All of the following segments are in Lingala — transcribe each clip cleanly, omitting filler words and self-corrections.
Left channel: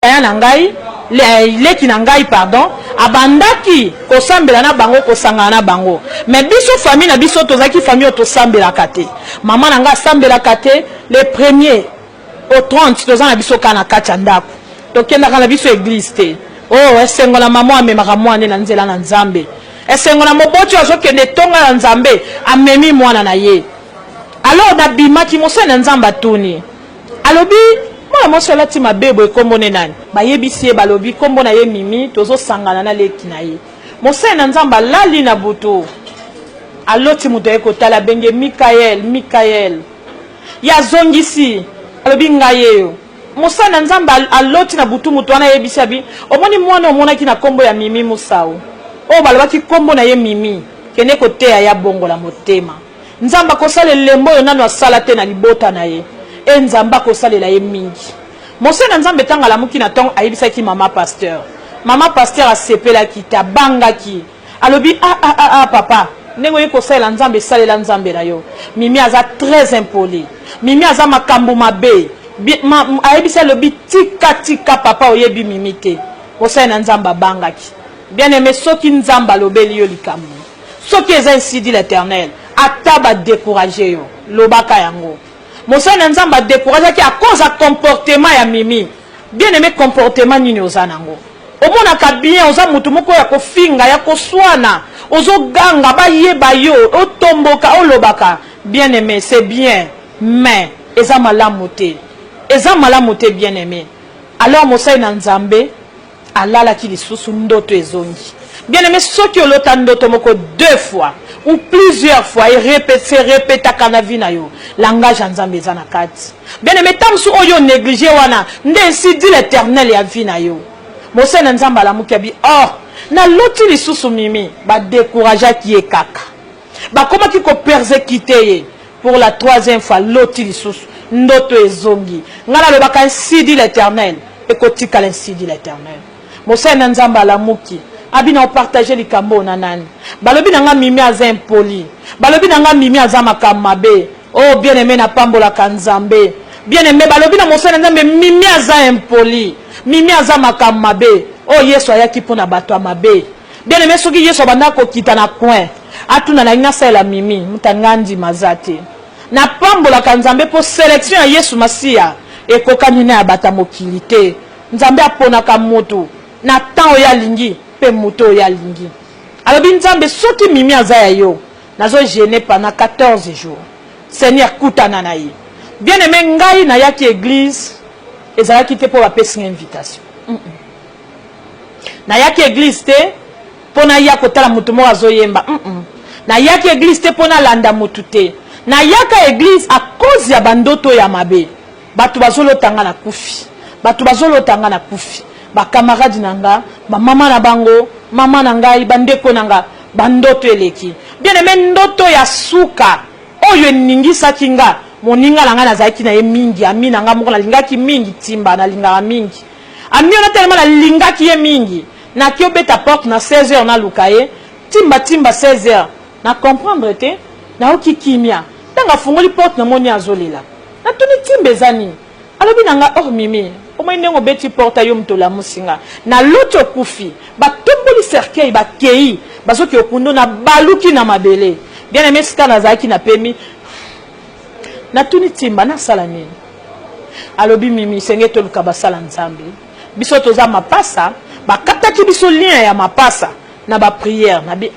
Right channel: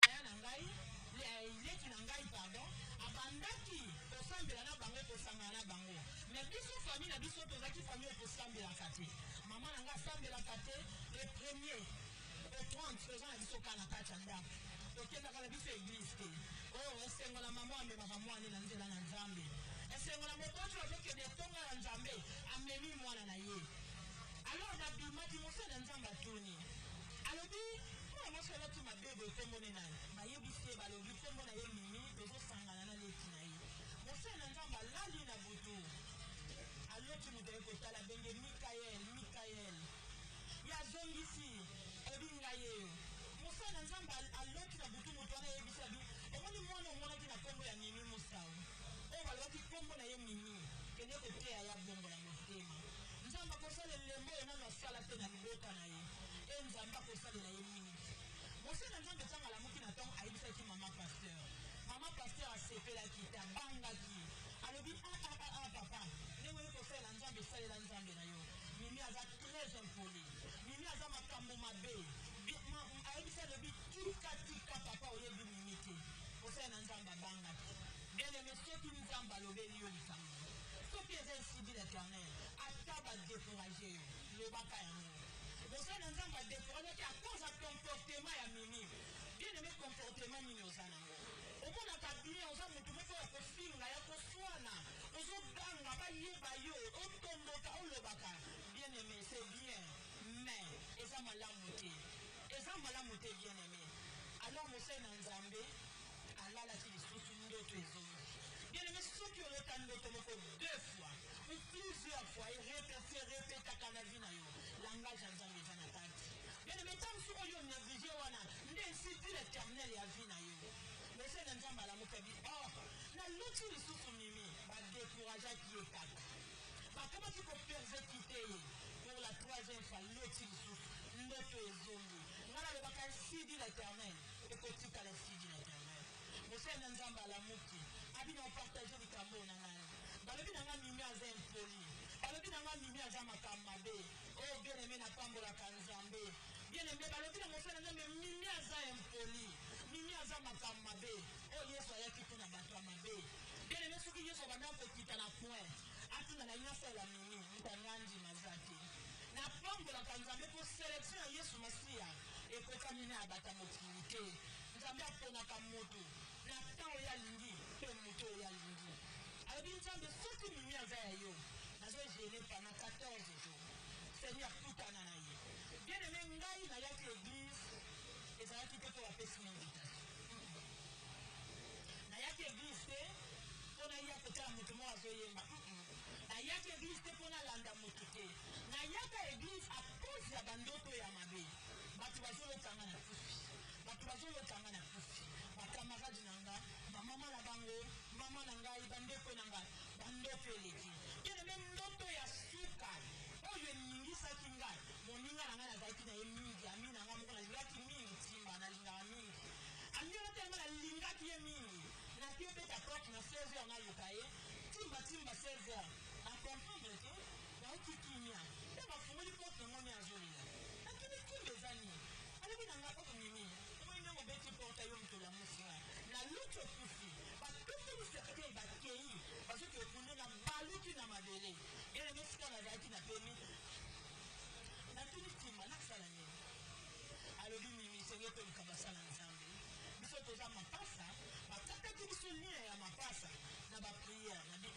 nangai leki nangai pardon abandaki kosambela na bango kosangana na bango mais biso famille na biso tozaki famille tosambela kate maman nanga sambela kate le premier au 30 tozana biso kana kati ndako tokenda kana biso église te oh esengo na maman amemaka mwana na nzela na nzambe esengo na moboti azokende tonga na nzambe amemi mwana na ye alors na bimaki mose na nzamba tuni alobi mwana moso lati mabebo ekombo ne nani bayebisi balobi kombo na ye mimi tozo sangana na leki na ye mose na nzamba lali na butu aloti muto ekotala benge Mikael ya zongisi alobi ngayeyo mose na nzamba aloti na butu muto wana yebisi abi omoni mwana omonaki na kombo ya mimi musao o balobaki kombo na ye mimi kene koteya ya bongo la motema nzamba kosala lembo yo nano asala te na libota na ye nzamba kosalela ye mingi mose na nzambe tanga la muki na tongo ayebisaki mama pasteur asepela kita bangaki alobi papa ndenge ye kosalela nzambe salela nzambe na yo mimi aza très impoli mimi aza makambo mabe ayebisa alobi tika papa oyebi mimi te kosalela na nzambe bangaki bien aimé soki nzamba lobeli yo likambo soki eza ainsi dit l'Éternel ata ba décourager yo lobaka yango Mose na nzamba découragé qui à cause de comportement ya mimi bien aimé comportement nini ozanango omona ka bien oza mutu moko ya kofinga ya koswana ozo ganga ba yeba yo otomboka olobaka bien aimé c'est bien mais eza malamu te bien aimé alors Mose na nzambe alala ki lisusu ndoto ezongi bien aimé soki olota ndoto moko 2 fois ou plusieurs fois et répète kana vina yo langage nzambe ezana kati bien aimé tamsu oyo négligé wana ndensi dit l'Éternel ya vina yo Mose na nzamba la mukabi na loti lisusu mimi ba décourager ki ekaka ba koma ki ko persécuter pour la 3e fois loti lisusu ndoto ezongi ngala le baka ainsi dit l'Éternel et kotika ainsi dit l'Éternel Mose na nzamba la muki abina partager likambo na nani balobi nanga mimi aza impoli balobi nanga mimi aza makamabe oh bien aimé na pambola kanzambe bien aimé balobi na Mose na nzambe mimi aza impoli mimi aza makamabe oh Yesu ayaki pona bato amabe bien aimé soki Yesu banda ko kita na coin atuna na ngasa la mimi mutangandi mazate na pambola kanzambe po sélection ya Yesu Masia ekokani na bata mokilité nzambe apona ka moto na temps ya lingi pe moto ya lingi alobi nzambe soki mimi azaya yo nazo gêner pendant 14 jours Seigneur kutana na ye bien aimé ngai na yaki église ezalaki te po bapesi invitation na yaki église te pona ya kotala mutu mo azoyemba na yaki église te pona landa mutu te na yaka église à cause ya bandoto ya mabe batu bazolotanga na kufi ba camarade nanga ba mama na bango mama na ngai bandeko nanga bandoto eleki bien aimé ndoto ya suka oyo ningisa kinga moninga nanga nazaki na ye mingi ami nanga moko na lingaki mingi timba na lingaka mingi ami ona tellement na lingaki ye mingi na ki obeta porte na 16h na lukaye timba 16h na comprendre te na okikimia tanga fungoli porte na moni azolela na tuni timbe zani alobi nanga mimi Oma inengo beti porta yo mtola musinga na loto kufi ba tomboli cercueil ba kei bazoki okundo na baluki na mabele bien aimé sika na zaki na pemi na tuni timba na salami alobi mimi senge to luka basala nzambe biso toza mapasa bakataki biso lien ya mapasa na ba prière na bi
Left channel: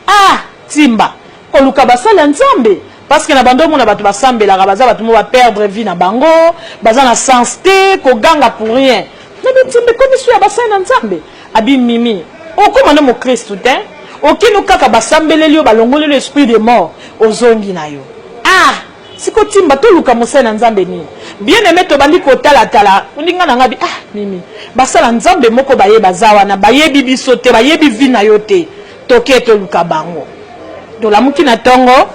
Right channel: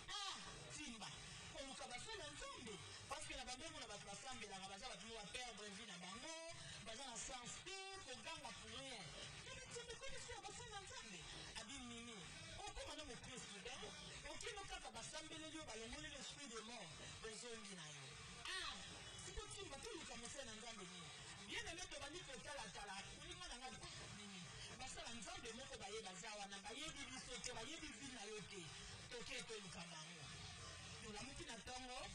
timba ko luka basala nzambe parce que na bando mona batu basambela baza batu mo ba perdre vie na bango baza na sens te ko ganga pour rien na bitimbe ko biso ya basana nzambe abi mimi okoma no mo Christ te okino kaka basambeleli yo balongoli l'esprit de mort ozongi na yo siko timba to luka mosana nzambe ni bien aimé to bandi ko tala uninga na ngabi mimi basala nzambe moko baye bazawa na bayebi biso te bayebi vie na yo te toke to luka bango to la muki na tongo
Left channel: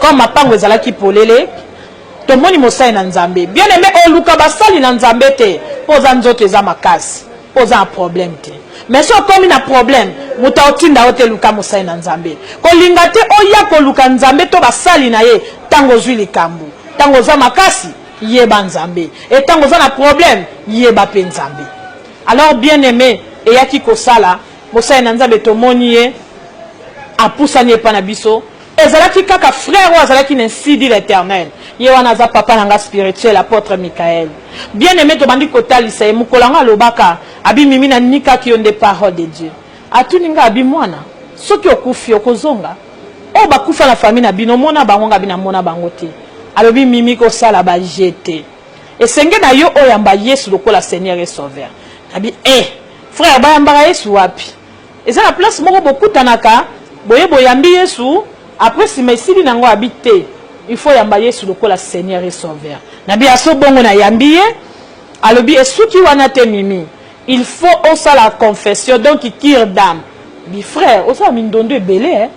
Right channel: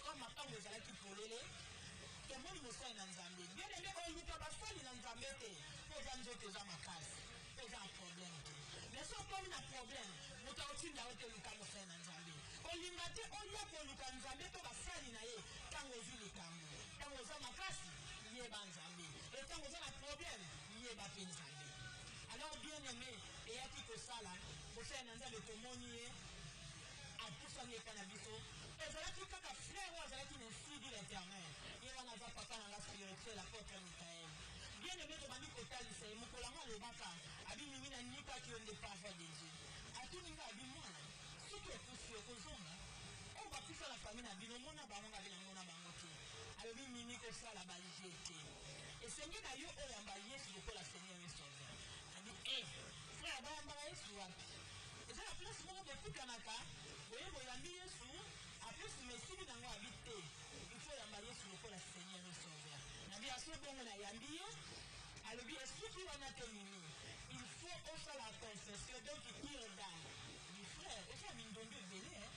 comme mapango ezalaki polele tomoni mosai na nzambe bien aimé oluka basali na nzambe te poza nzoto eza makasi poza un problème te mais so komi na problème muta otinda ote luka mosai na nzambe kolinga te oya koluka nzambe to basali na ye tango zwi likambo tango za makasi yeba nzambe et tango za na problème yeba pe nzambe Alors bien aimé et yaki kosala bosa enanza betomonié a poussanye pa na biso ezalaki kaka frère ou ezalaki ainsi dit l'Éternel ye wana za papa nanga spirituel apôtre Michael bien aimé to bandi kotalisa mukolanga lobaka abi mimi na nika ki onde parole de Dieu atuninga abi mwana soki okufi okozonga o bakufa na famille na bino mona bango nga bina mona bango te alobi mimi ko sala ba jeter esenge na yo oyamba Yesu lokola Seigneur et Sauveur abi frère bayamba Yesu wapi eza na place moko bokutanaka boye boyambi Yesu après si mesili nango habité il faut yamba Yesu lokola Seigneur et Sauveur nabi aso bongo na yambiye alobi esuki wana te mimi il faut osa la confession donc kir d'âme bi frère osa mindondo ebele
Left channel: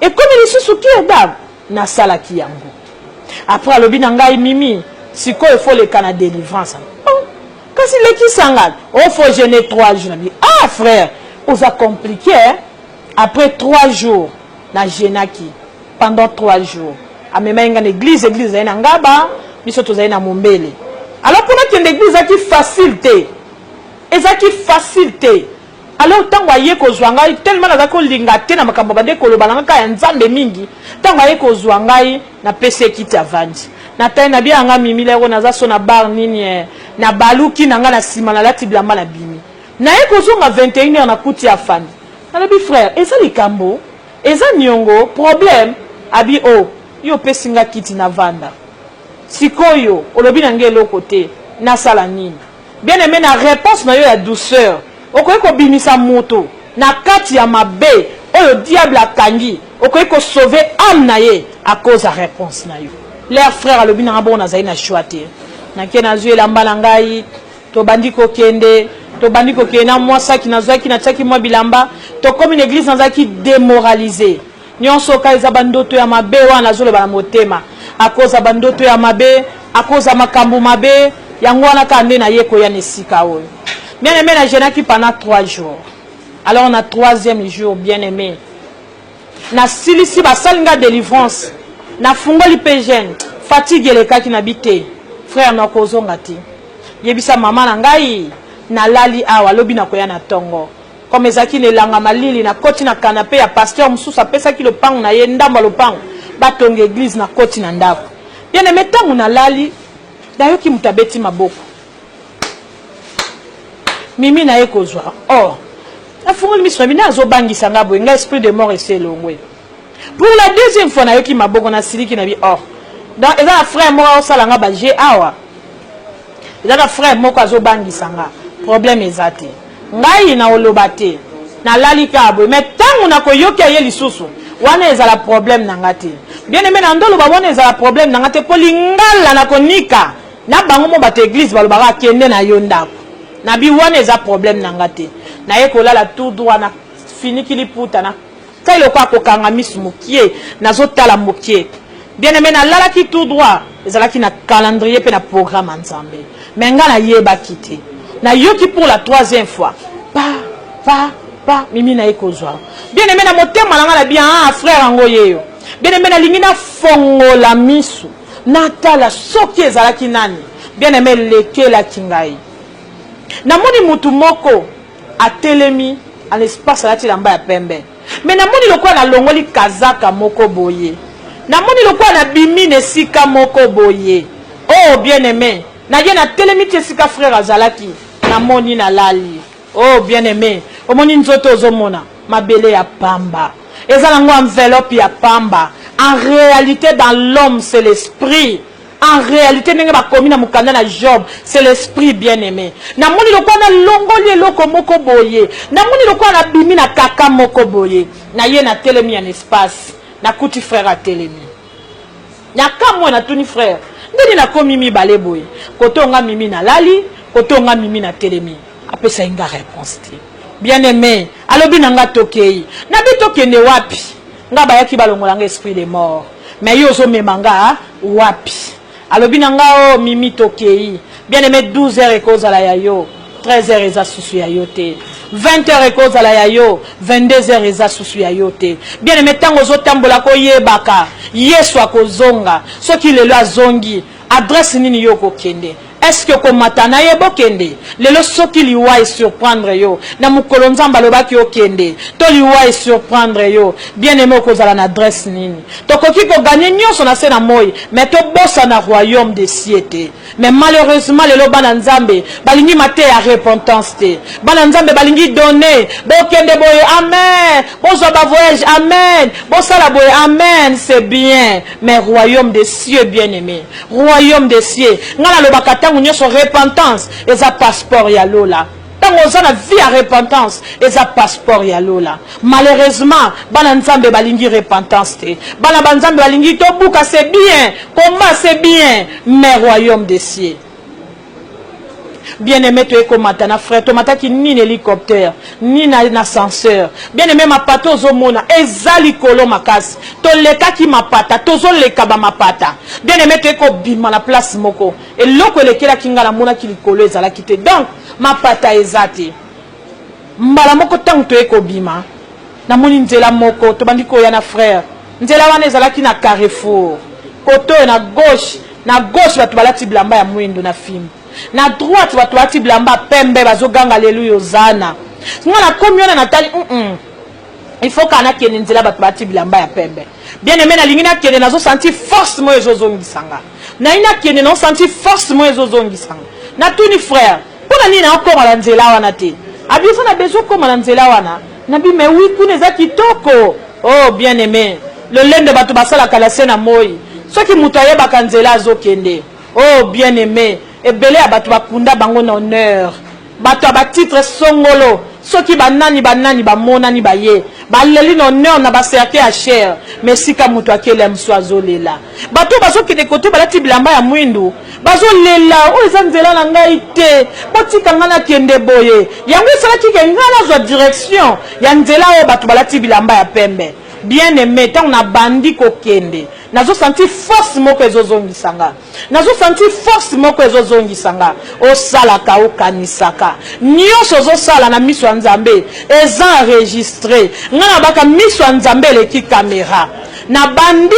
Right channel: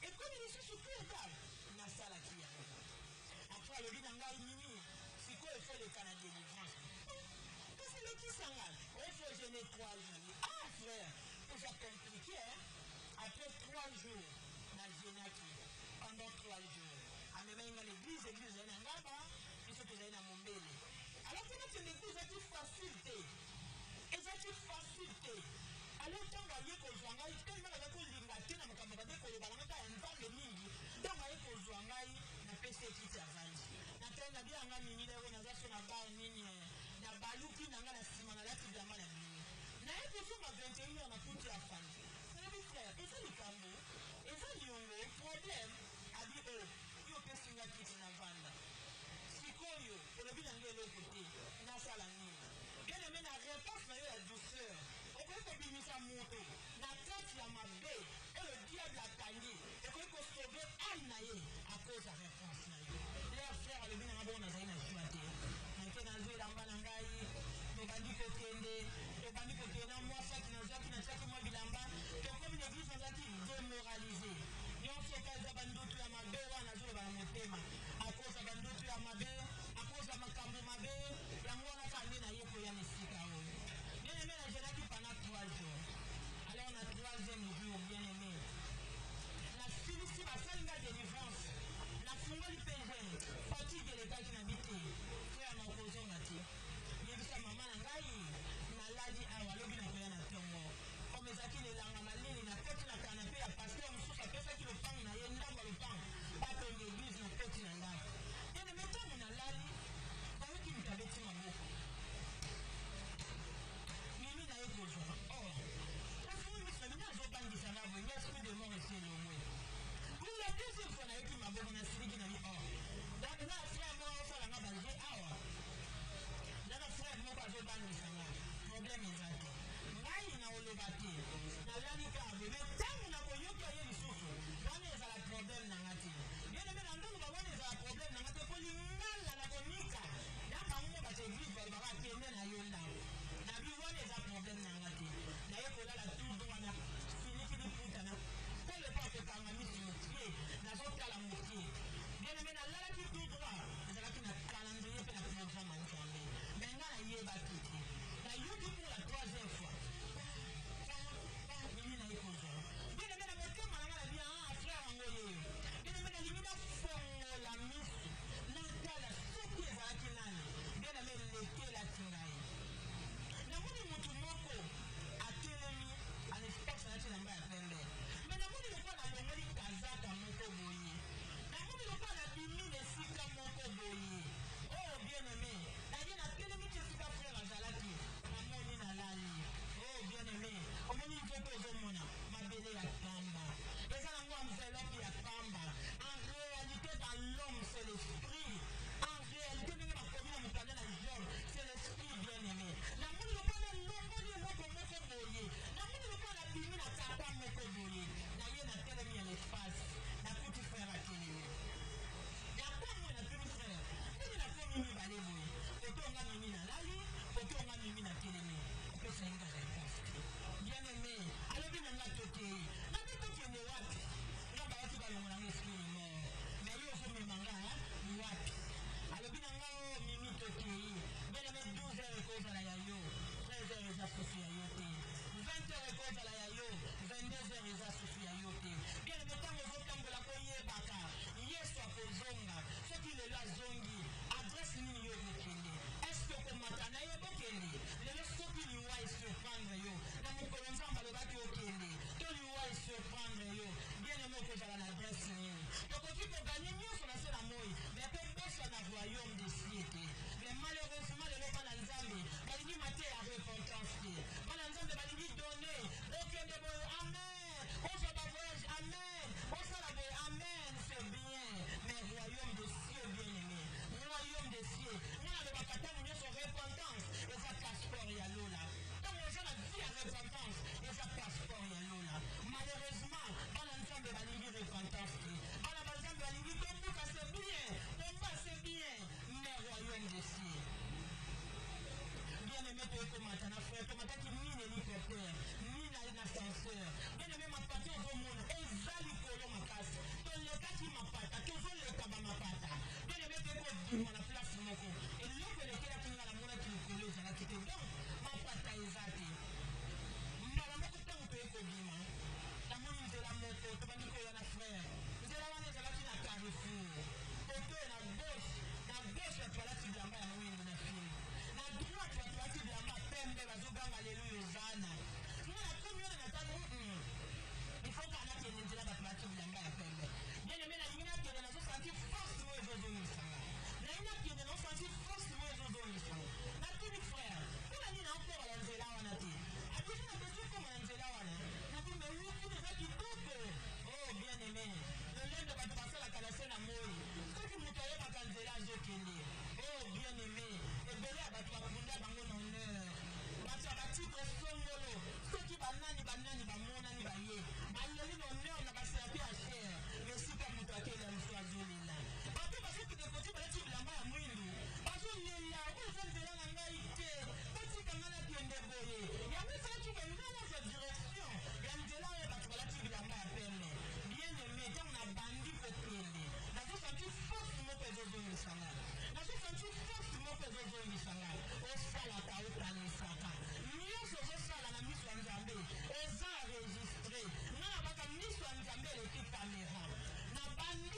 et comme il est sous kir d'âme na sala ki yango après alobi nangai mimi siko il faut le kana délivrance kasi leki sangad il faut jeûner 3 jours ah frère osa compliqué après 3 jours na jeûnaki pendant 3 jours amema inga l'église na ngaba biso tozali na mombele alors pour que l'église qui facilité ezaki facilité alors tango aye ko zwanga tellement na ko linga te na makambo bande ko lobalanga ka ya nzambe mingi tango aye ko zwanga na pese kiti avandi na tayi na bia nga mimi lero na za so na bar nini na baluki na nga na sima na lati blamba na bimi na ye ko zonga 21h na kuti ya fandi na bi frère eza likambo eza nyongo problème abi yo pesinga kiti na vanda sikoyo olobi na ngelo côté na sala nini bien aimé na réponse na yo ya douceur okoki ko bimisa moto na kati ya mabe oyo diable akangi okoki ko sauver âme na ye à cause de réponse na yo leur frère alobi na bon na zai na choité na ke na zuela mbala ngai to bandiko kende na mwasa ki na zwaki na tsaki mwa bilamba to comme une église na zaki démoralisée nyonso ka eza bandoto ya mabe wana zolo bana motema à cause de bandoto ya mabe à cause de makambu mabe yango wana ka nde na yeko ya nesika oyo bien aimé na jeûne qui pendant 3 jours alors on a 3e jour bien aimé na silisi basalinga délivrance na fungoli pe jeune fatigue le kaki na bité frère na kozonga ti yebisa mama na ngai na lali awa lobi na koya na tongo comme ezaki nelanga malili na koti na canapé ya pasteur mususa pesa ki lopango na ye ndamba lopango batonga église na koti na ndako bien aimé tangu na lali dayo ki mutabeti maboko mimi na ye kozwa na fungoli miso bina zo bangisa ngabo nga esprit de mort ese longwe pour la 2e fois na yo ki maboko na siliki na bi donc eza frère moko osala nga ba je awa eza frère moko azo bangisa nga problème ezate ngai na oloba te na lali kabo mais tangu na koyoki ye lisusu wana ezala problème na nga te bien aimé na ndolo ba wana ezala problème na nga te po lingala na konika na bango mo bato église balobaka kende na yo ndako na bi wana eza problème na nga te na ye kolala tout droit na finiki liputa na kai lokwa kokanga misu mokie nazotala mokie bien aimé na lalaki tout droit ezalaki na calendrier pe na programme ensemble mais nga na yeba kité na yoki pour la 3e fois pa mimi na ekozwa bien aimé na motema nanga na bien frère ango yeyo bien aimé na lingi na fongola misu natala soki ezalaki nani bien aimé lekela kingai na moni mutu moko atelemi à l'espace alati lamba ya pembe mais na moni lokwa na longoli kazaka moko boye na moni lokwa na bimi nesika moko boye bien aimé na ye na telemi tesika frère azalaki na moni na lali bien aimé omoni nzoto ozomona mabele ya pamba eza nango enveloppe ya pamba en réalité dans l'homme c'est l'esprit en réalité ndenge bakomi na mukanda na Job c'est l'esprit bien aimé na moni lokwa na longoli eloko moko boye na moni lokwa na bimi na kaka moko boye na ye na telemi en espace na kuti frère a telemi na kamwe na tuni frère ndeni na komi mibale boye kotonga mimi na lali kotonga mimi na telemi apesa inga réponse te bien aimé alobi nanga tokei na bitokende wapi nga bayaki balongolanga esprit de mort mais yo zo memanga wapi alobi nanga mimi tokei bien aimé 12h ekozala ya yo 13h eza susu ya yo te 20h ekozala ya yo 22h eza susu ya yo te bien aimé tango zotambola koyebaka Yesu akozonga soki lelo azongi adresse nini yo kokende est-ce que komatana yebo kende lelo soki liwa et surprendre yo na mukolo nzamba lobaki okende to liwa et surprendre yo bien aimé kozala na adresse nini tokoki ko gagner nyonso na se na moi mais to bossa na royaume des cieux te mais malheureusement lelo bana nzambe balingi mate ya repentance te bana nzambe balingi donner bokende boye amen bozo ba voyage amen bosala boye amen c'est bien mais royaume des cieux bien aimé royaume des cieux ngala lobaka tangu nyonso repentance eza passeport ya lola tango oza na vie ya repentance eza passeport ya lola malheureusement bana nzambe balingi repentance te bana banzambe balingi tobuka c'est bien combat c'est bien mais royaume des cieux bien aimé tu es comme matana frère tu mataki ni hélicoptère ni na ascenseur bien aimé ma pata ozomona ezali kolo makasi to leka ki mapata tozo leka ba mapata bien aimé tu es ko bima la place moko et loko lekela kinga la mona ki likolo ezala kite donc mapata ezati mbala moko tangu tu es ko bima na moni nzela moko to bandiko ya na frère nzela wana ezala ki na Carrefour koto na gauche batu balati blamba ya mwindo na fimbo na droite batu balati blamba pembe bazoganga haleluya zana ngana komiona natali il faut kana kene nzela batu balati blamba ya pembe bien aimé na lingina kene nazo sentir force mo ezozongisanga na ina kene na sentir force mo ezozongisanga na tuni frère pona nini encore la nzela wana te abisa na besoin comme la nzela wana na bi mais oui kuna za kitoko oh bien aimé le lende batu basala kala sena moi soki mutu ayebaka nzela azokende oh bien aimé ebele ya batu bakunda bango na honneur batu ba titre songolo soki banani bamonani baye baleli na honneur na baserke ya cher mais sika mutu akele mso azolela batu bazokende koto balati bilamba ya mwindu bazolela o eza nzela na ngai te botika nga na kende boye yango esalaki ke nga nazwa direction ya nzela oyo batu balati bilamba ya pembe bien aimé tant on a bandi kokende nazo senti force moko ezozongisanga nazo senti force moko ezozongisanga o sala ka o kanisaka nyonso zo sala na miso nzambe eza enregistré ngana baka miso nzambe le ki caméra na bandi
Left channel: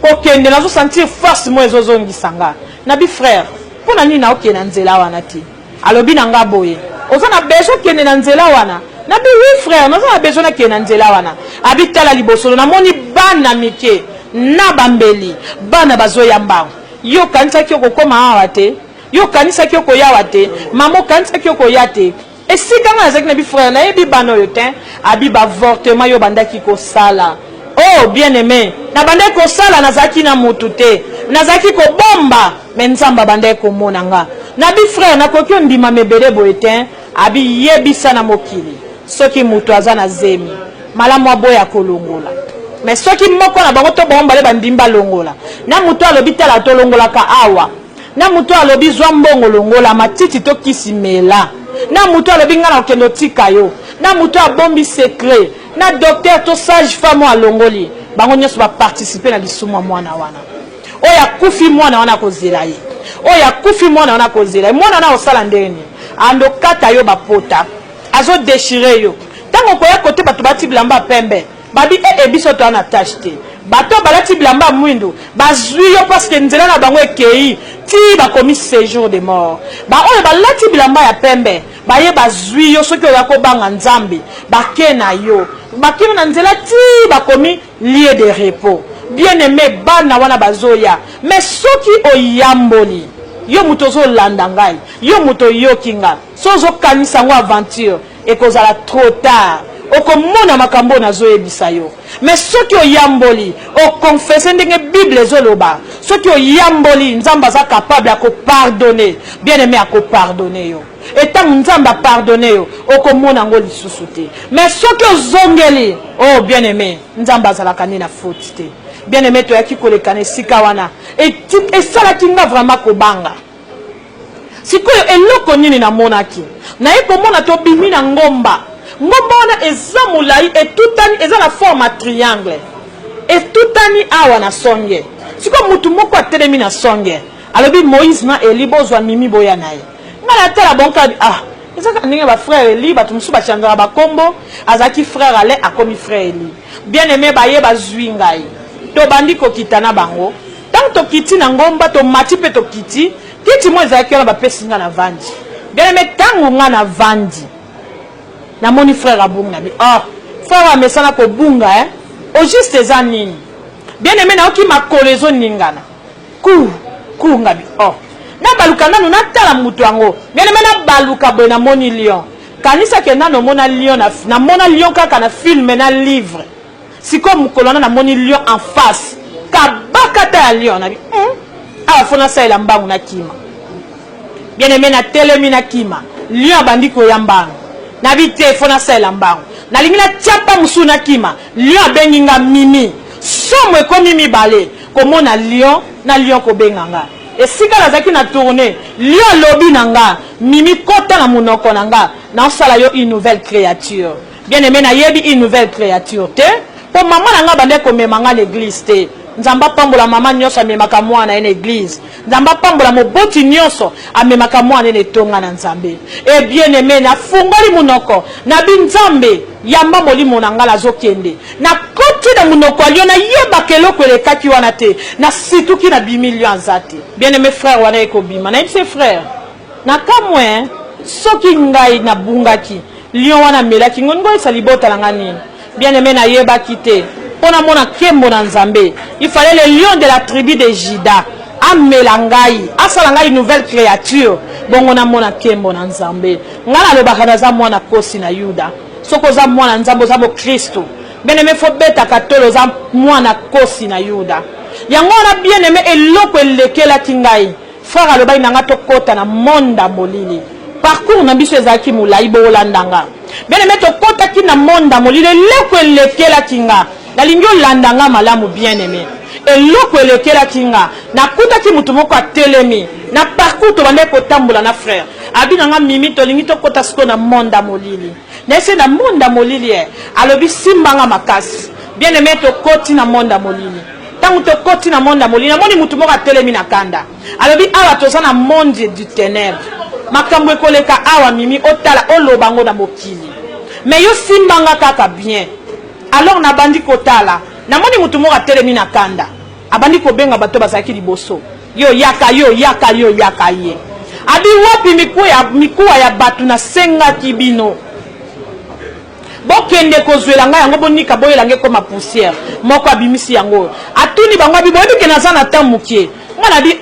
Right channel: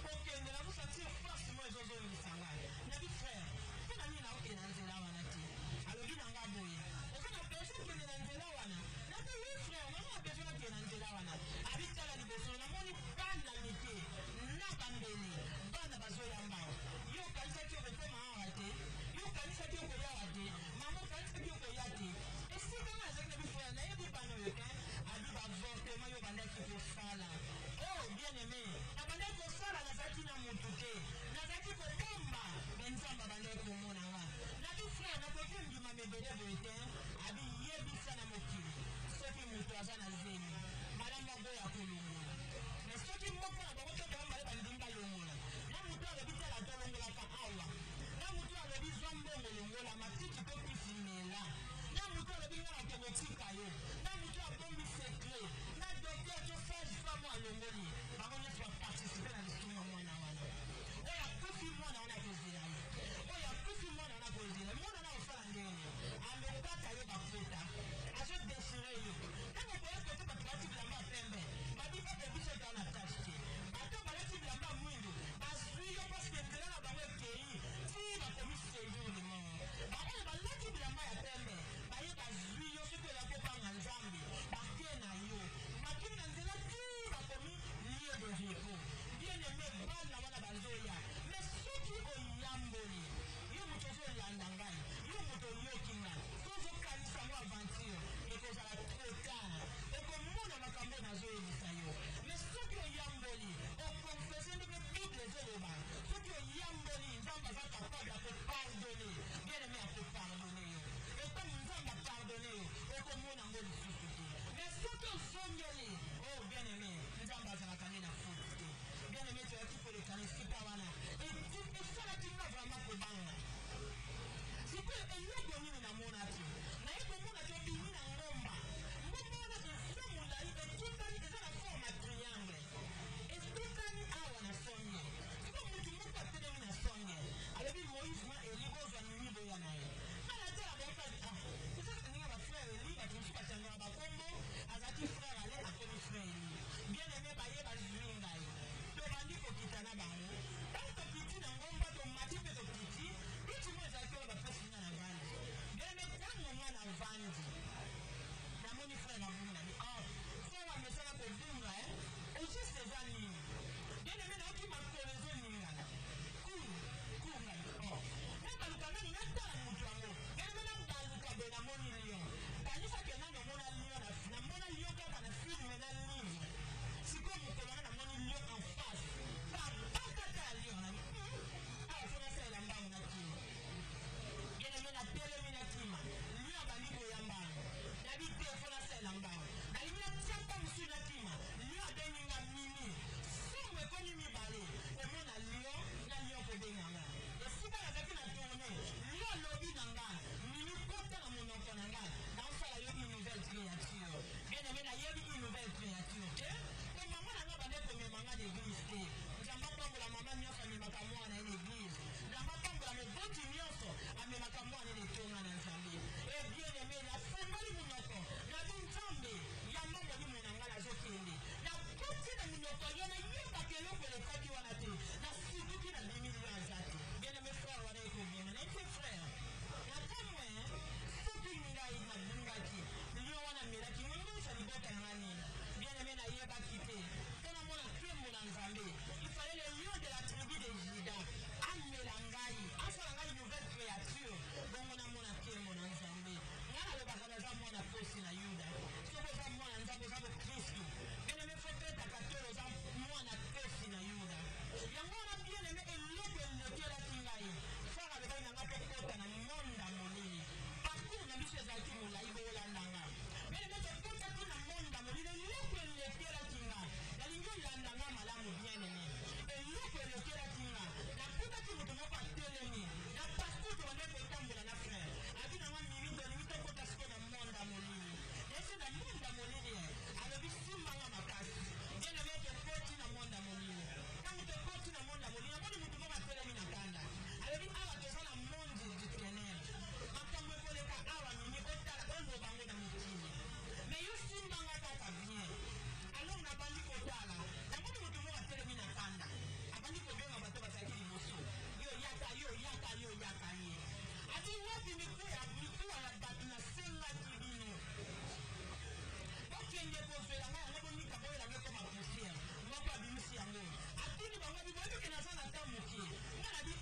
kokende nazo senti force moko ezozongisanga na bi frère pona nini na okena nzela wana ti alobi na nga boye oza na besoin kende na nzela wana na bi oui frère nous avons besoin de kena nzela wana abitala libosolo na moni bana mike na bambeli bana bazoyamba yo kanisa ki okoma awa te yo kanisa ki okoyawa te mamo kanisa ki okoya te esika nga azaki na bi frère na yebi bana oyo te abi bavortement yo bandaki kosala oh bien aimé na bandaki kosala nazaki na mutu te nazaki kobomba mais nzamba bandaki komona nga na bi frère nakoki ondima mebele boye te abi yebisa na mokili soki mutu aza na zemi malamu aboya kolongola mais soki moko na bango to bomba le bandimba longola na mutu alobi tala to longola ka awa na mutu alobi zwa mbongo longola matiti to kisimela na mutu alobi ngana okendo tika yo na mutu abombi secret na docteur to sage femme alongoli bango nyonso ba participer na lisumu mwana wana oya kufi mwana wana kozela ye oya kufi mwana wana kozela mwana wana osala ndeni ando kata yo bapota azo déchirer yo tango koya kote batu bati bilamba pembe babi biso to ana tâche te bato balati bilamba mwindo bazwi yo parce que nzela na bango ekei ti bakomi séjour de mort ba oyo balati bilamba ya pembe baye bazwi yo soki oya kobanga nzambe bakena yo bakimi na nzela ti bakomi lieu de repos bien aimé bana wana bazoya mais soki oyamboli yo muto zo landa ngai yo muto yokinga sozo kanisa ngo aventure ekozala trop tard okomona makambo nazo yebisa yo mais soki oyamboli okonfesse ndenge bible ezoloba soki oyamboli nzamba za capable ya kopardonner bien aimé ya kopardonner yo etango nzamba pardonner yo okomona ngo lisusu te mais soki ozongeli oh bien aimé nzamba azalaka ni na faute te bien aimé toyaki kolekana esika wana esalaki nga vraiment kobanga sikoyo eloko nini namonaki naye komona tobimi na ngomba wana eza molai etutani eza na forme triangle etutani awa na songe siko mutu moko atelemi na songe alobi Moïse na Eli bozwa mimi boya naye ngana tala bonka ezaka ndenge ba frère Eli batu musu bachandara bakombo azaki frère Ale akomi frère Eli bien aimé baye bazwi ngai to bandi kokita na bango tant to kiti na ngomba to mati pe to kiti kiti mo ezalaki wana bapesi nga na vandi bien aimé ntango nga na vandi namoni frère abunga na bi frère amesana kobunga au juste eza nini bien aimé naoki makolo ezoningana ku nga bi nabaluka nanu natala mutu yango bien aimé nabaluka boye namoni lion kanisa ke nano mona lion namona lion kaka na filme na livre siko mokolo wana namoni lion en face kabakata ya lion na bi awa fona saela mbangu na kima bien aimé na telemi na kima lion abandi koya mbangu na bi te fona saela mbangu nalingi na tiapa musu na kima lion abengi nga mimi somo ekomi mibale komona lion na lion kobenga nga esika nazaki na tourner lion lobi na nga mimi kota na munoko na nga naosala yo une nouvelle créature bien aimé nayebi une nouvelle créature te po mama na nga bande komema nga l'église te nzamba pambola mama nyonso amemaka mwana na église nzamba pambola moboti nyonso amemaka mwana na etonga na nzambe e bien aimé na fungoli munoko na binzambe yamba molimo na ngala zokende na koti na munoko alio na yeba keloko elekaki wana te na situki na bimilio anzate bien aimé frère wana ekobima na yebise frère na kamwe soki ngai na bungaki lion wana melaki ngongo esali botalanga nini bien aimé na yebaki te pona mona kembo na nzambe il fallait le lion de la tribu de Juda amela ngai asala ngai nouvelle créature bongo na mona kembo na nzambe ngala lobaka na za mwana kosi na Yuda soko za mwana nzambe za bo Kristo bien aimé fo beta katolo za mwana kosi na Yuda yango na bien aimé eloko elekela kingai frère alobai nanga to kota na monda molili parcours na biso ezaki mulai bo landanga bien aimé to kota ki na monda molili eloko elekela kinga nalingi olandanga malamu bien aimé eloko elekela kinga nakutaki mutu moko atelemi na parcours to bande kotambola na frère abinanga mimi tolingi tokota siko na monda molili nese na monda molili alobi simbanga makasi bien aimé tokoti na monda molili tango tokoti na monda molili namoni mutu moko atelemi na kanda alobi awa toza na monde du ténèbre makambo ekoleka awa mimi otala olobango na mokili mais yo simbanga kaka bien alors na bandi kotala namoni mutu moko atelemi na kanda abandi kobenga bato bazaki liboso yo yaka ye abi wapi mikuwa ya batu na senga kibino bokende kozwela nga yango bonika boyelange koma poussière moko abimisi yango atuni bango abi boyebi ke naza na temps mukie mwana bi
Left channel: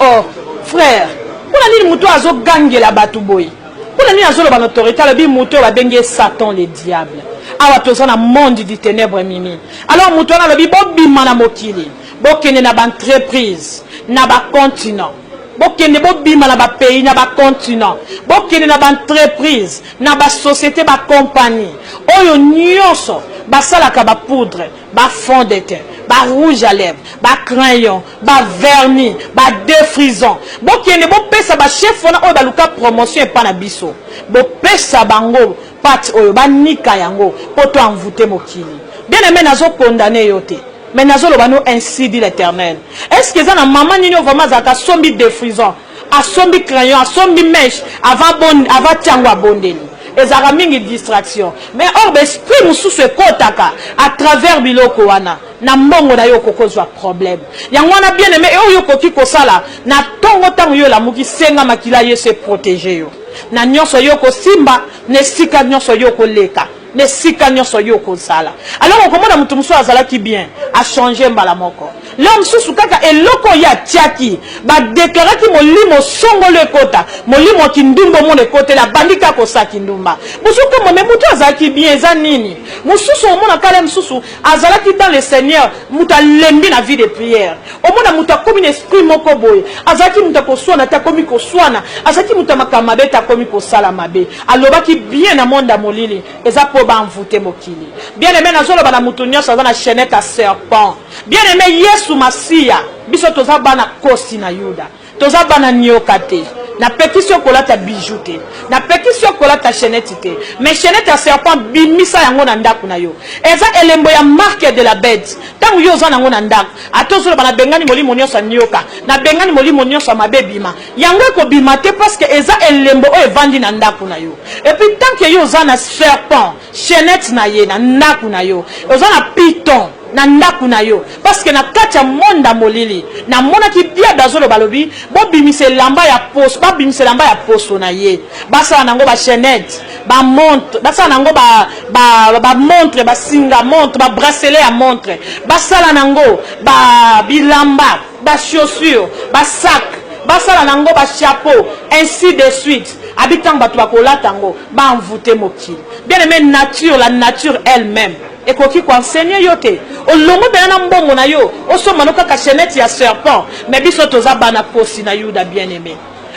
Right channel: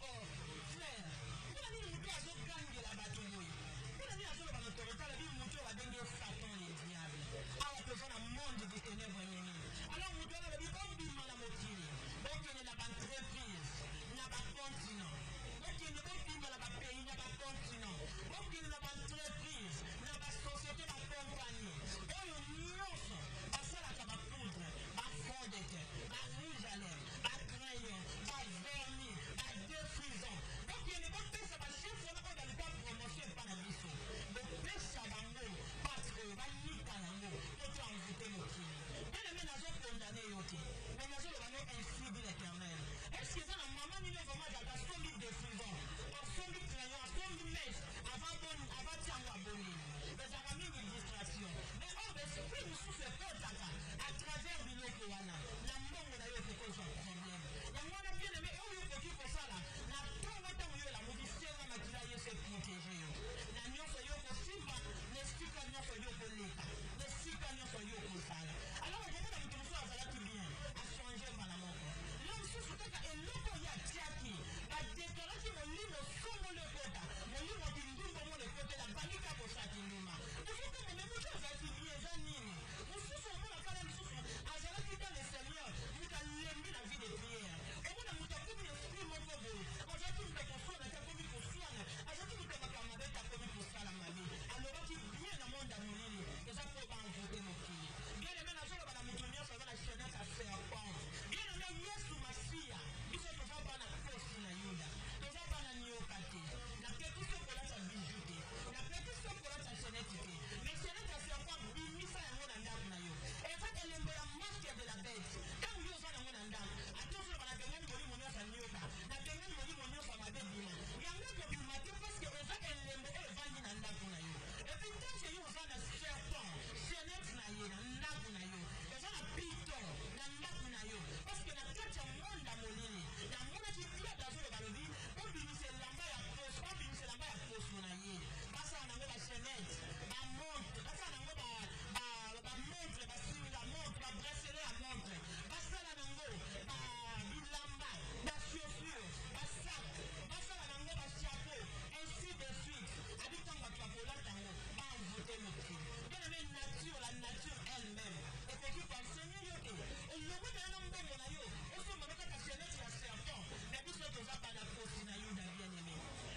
frère kuna nini mutu azogangela batu boye kuna nini azoloba na autorité alobi mutu babengi Satan le diable awa toza na monde du ténèbre mimi alors mutu wana alobi bobima na mokili bokende na baentreprise na bacontinent bokende bobima na bapays na bacontinent bokende na baentreprise na basociété bacompagnie oyo nyonso basalaka bapoudre bafond de teint rouge à lèvres crayon vernis défrisant bokende bopesa chef wana oyo baluka promotion epa na biso bopesa bango pate oyo banika yango poto envoûter mokili bien aimé nazo condamner yo te mais nazoloba no ainsi dit l'Éternel est-ce que ça na maman nini vraiment zaka sombi défrisant asombi crayon asombi mèche avant tiango abondeli ezaka mingi distraction mais or l'esprit mususu ekotaka à travers biloko wana na mbongo na yo kokozwa problème yango wana bien aimé oyo koki kosala na tongo tango yo lamuki senga makila ye se protéger yo na nyonso yo kosimba ne sika nyonso yo koleka ne sika nyonso yo kosala alors okomona mutu musu azalaki bien a changer mbala moko l'homme susu kaka eloko ya tiaki ba déclaraki molimo songolo ekota molimo kindumbo mo ekota la bandika kosaki ndumba musuko mo mutu azalaki bien za nini mususu omona kala mususu azalaki dans le Seigneur muta lembi na vie de prière omona muta komi esprit moko boye azalaki muta koswana ta komi koswana azalaki muta makamabe ta komi kosala mabe alobaki bien na monde molili eza envoûté mokili bien aimé nazolo bana mutu nyonso aza na chaînette à serpent bien aimé Yesu Masia biso toza bana kosi na Yuda toza bana nioka te na pétition kolata bijou te na pétition kolata chaînette te mais chaînette à serpent bimisa yango na ndaku na yo eza elembo ya marque de la bête tangu yo za nango na ndaku atozolo bana bengani molimo nyonso nioka na bengani molimo nyonso mabebima yango ko bimate parce que eza elembo o evandi na ndaku na yo et puis tant que yo za na serpent chaînette na ye na ndaku na yo oza na python na ndaku na yo parce que na kati ya monda molili na mona ki bia dazolo balobi bo bimise lamba ya poso ba bimise lamba ya poso na ye basa nango ba chaînette ba montre basa nango ba montre ba singa montre ba bracelet à montre basa nango ba bilamba ba chaussures ba sac basa nango ba chapeau ainsi de suite habitant bato bakolata tango ba envoûter mokili bien aimé nature la nature elle-même et koki ko enseigner yote olongo bena mbongo na yo osoma no kaka chaînette ya serpent mais biso toza bana posi na yuda bien aimé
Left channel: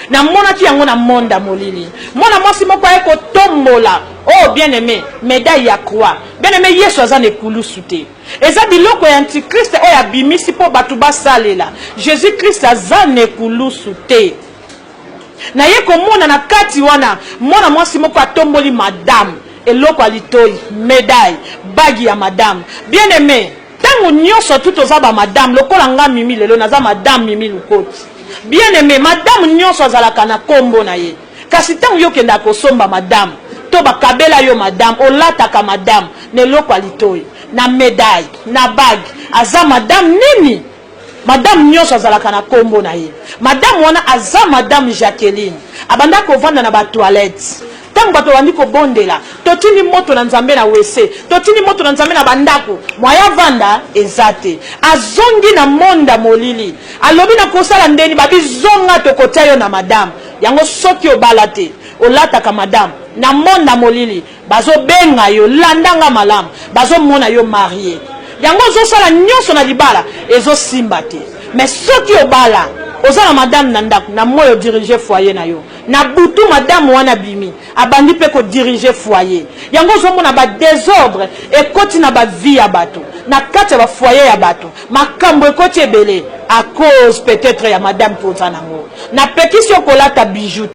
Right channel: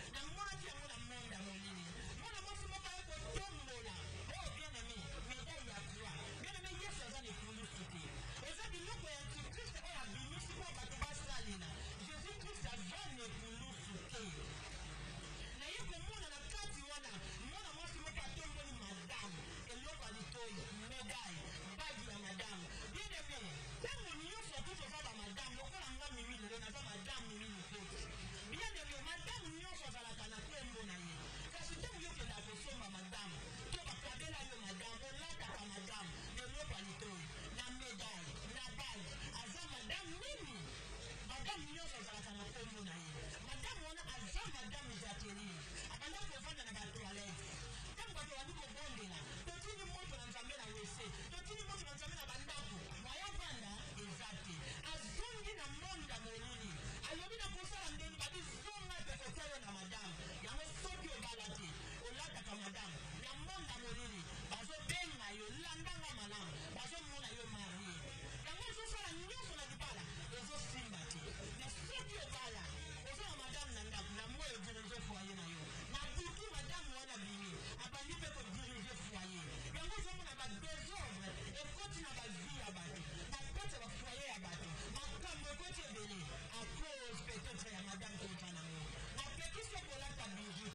na mona ki yango na monda molili mona mwasi moko eko tombola oh bien aimé médaille ya croix bien aimé yesu azane kulusu te eza biloko ya antichrist oyo abimisi po bato basalela jésus christ azane kulusu te na ye komona na kati wana mona mwasi moko atomboli madame eloko alitoi médaille bagi ya madame bien aimé tango nyonso tout oza ba madame lokola nga mimi lelo naza madame mimi lukoti bien aimé madame nyonso azalaka na kombo na ye kasi tango yo kenda kosomba madame to bakabela yo madame olataka madame na eloko alitoi na médaille na bagi aza madame nini madame nyonso azalaka na kombo na ye madame wana aza madame Jacqueline abanda kovanda na ba toilette tango bato bandi kobondela totini moto na nzambe na wese totini moto na nzambe na bandako moya vanda ezate azongi na monda molili alobi na kosala ndeni babizonga tokotia yo na madame yango soki obala te olataka madame na monda molili bazobenga yo landanga malamu bazomona yo marié yango ozosala nyonso na libala ezosimba te mais soki obala ozala madame na ndako na moyo diriger foyer na yo na butu madame wana bimi abandi pe ko diriger foyer yango ozomona ba désordre ekoti na ba vie ya bato na kati ya ba foyer ya bato makambo ekoti ebele à cause peut-être ya madame poza nango na pekisi okolata bijou